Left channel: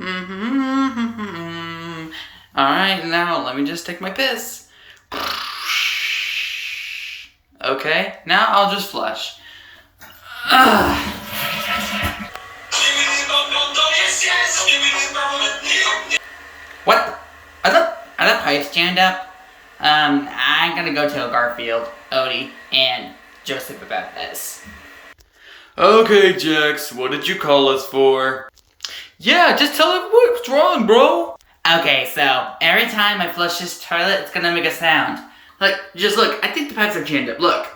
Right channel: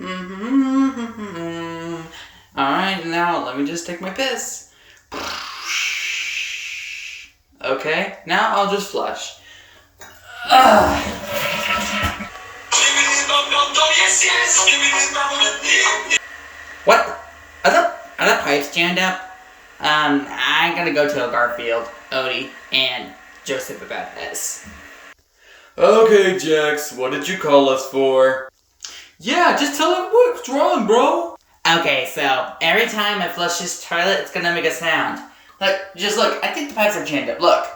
Alright, now let me just take my piss. Okay, now I'll just flush. What? Are the pipes jammed up? I'm gonna go tell Garfield, Odie, and Joseph about this. Okay, Jax, what did you call us for? Yeah, just tell him what's wrong, bro. Okay, so every time I flush this toilet, it's gonna make a sound. Look, just look. I think the pipes are jammed up. Look.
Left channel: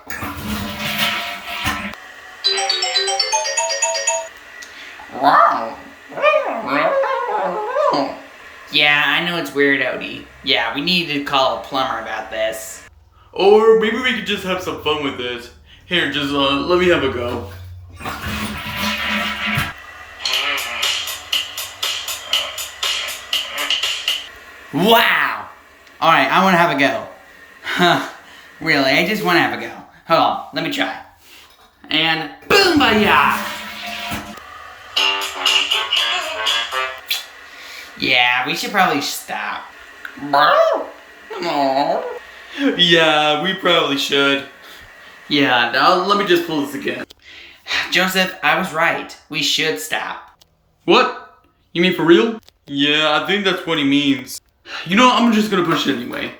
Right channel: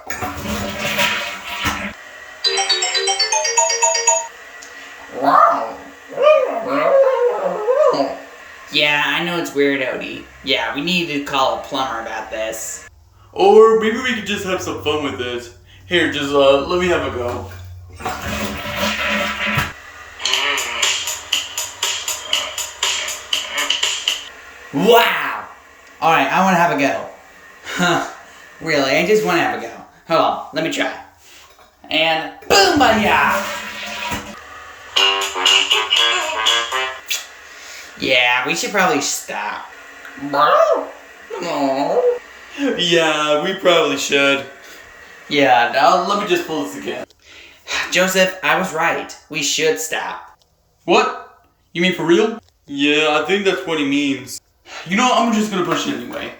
Yeah, I know it's weird, Odie. Yeah, we need to call a plumber about this. Or maybe we could just have some fun with this. Here, just let me have a go. Wow! Alright, I want to have a go. Huh, really, I just want to have a go. Hold on, let me try. And boom, ba-ya! Yeah, we should probably stop. Yeah, we probably should. Yeah, Now let me just pull this again. Joseph, I was right. We should stop. What? You mean for real? Yeah, I think that's what he means. You know what, I'm just gonna push it anyway.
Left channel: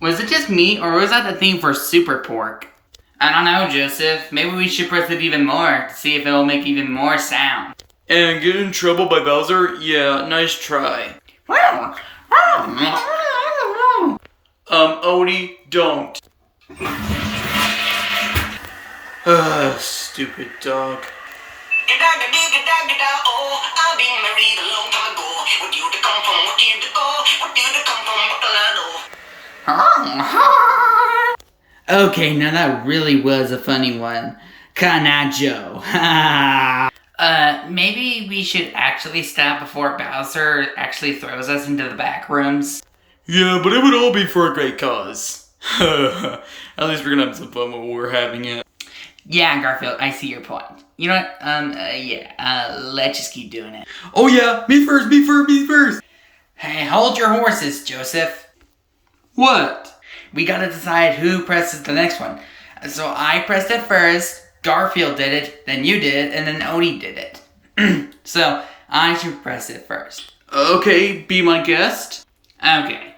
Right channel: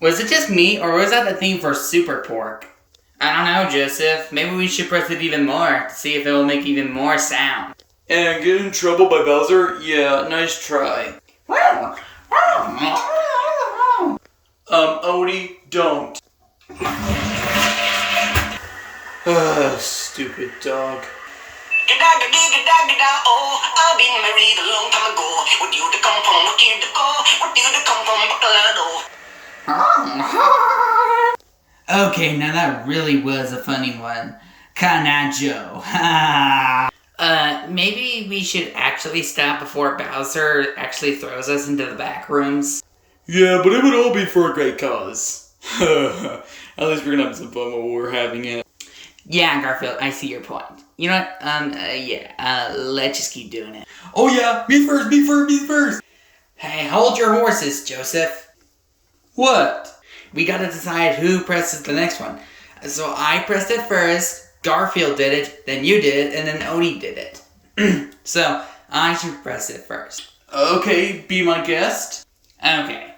Was it just me, or was that the theme for Super Pork? I don't know, Joseph. Maybe we should press it even more to see if it will make even more sound. And get in trouble by Bowser? Yeah, nice try. Odie, don't. Stupid dog. I've been married a long time ago. What you to come from? What you to go? What you to come from? Okay, now that really was a funny one. Canajo. Maybe we should actually stop before Bowser actually throws us into the back rooms. Yeah, but it would all be for a great cause. At least we're gonna have some fun while we're having it. Yeah, Garfield, I see your point. You know what? Let's just keep doing it. Oh yeah, me first. Hey, hold your horses, Joseph. What? We gotta decide who presses the next one. So I pressed it first, Garfield did it, then you did it, and then Odie did it. So I should press it first. Okay, be my guest. Okay.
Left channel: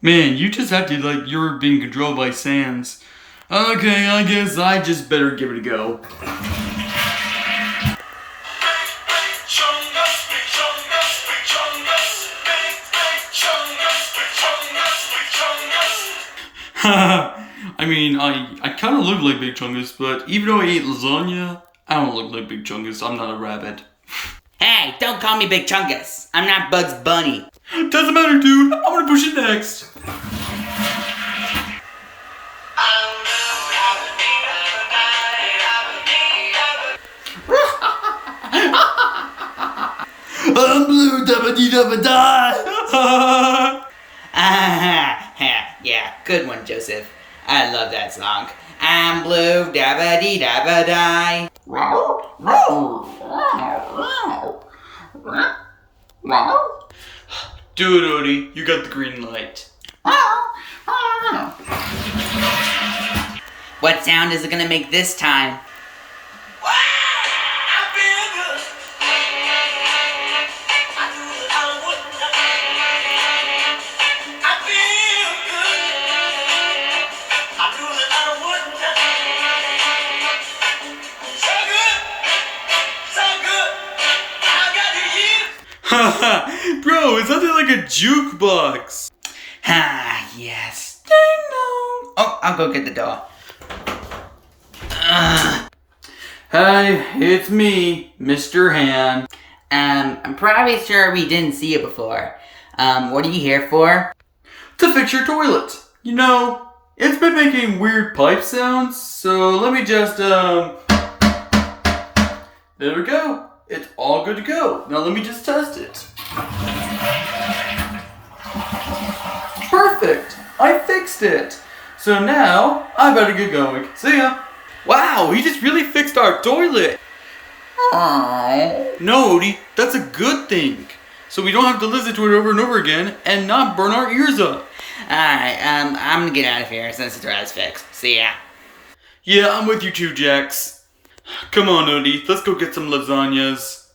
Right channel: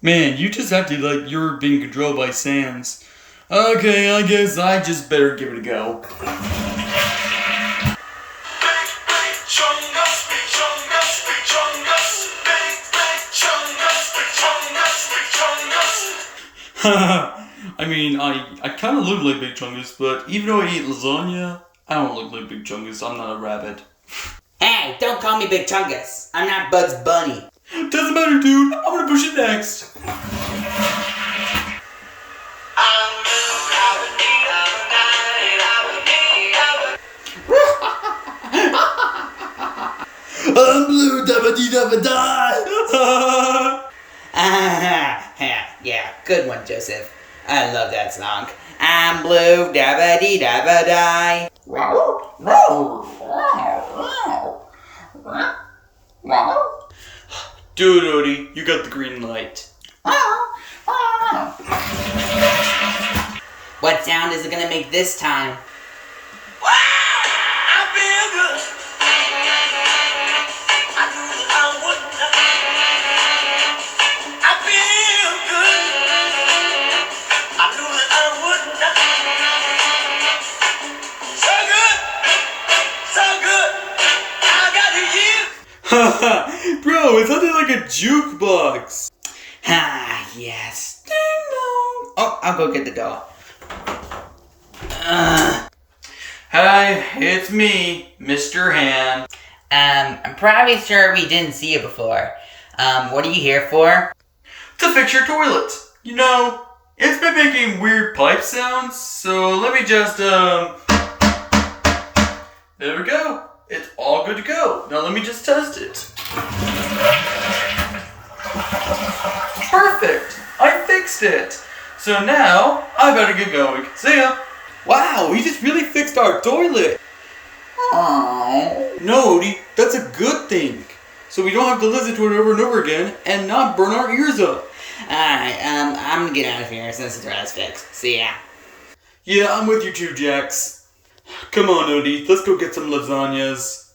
Man, you just acted like you were being controlled by Sans. Okay, I guess I just better give it a go. I mean, I kind of look like Big Chungus, but even though I eat lasagna, I don't look like Big Chungus. I'm not a rabbit. Hey, don't call me Big Chungus. I'm not Bugs Bunny. Doesn't matter, dude. I'm gonna push it next. I'm blue, dabba dee dabba die. Yeah, good one, Joseph. I love that song. I'm blue, dabba dee dabba die. Do it, Odie. You got the green light. What sound is it gonna make this time? Bro, it sounded like a jukebox. Ah, yes. Ding dong. Oh, I'll go get the door. Hi, it's me, Mr. Han. I'm probably sure we didn't see it before. What are you here for? To fix your toilet. You know, it's been making weird pipe sounds, so let me just, There we go. It's all good to go. Now let me just test it. Perfect. I fixed it. So now I better get going. See ya. Wow, he just really fixed our toilet. No, Odie, that's a good thing. So we don't have to listen to it over and over again and not burn our ears up. Alright, I'm gonna get out of here since the thread's fixed. See ya. Yeah, I'm with you too, Jax. Come on, Odie, let's go get some lasagnas.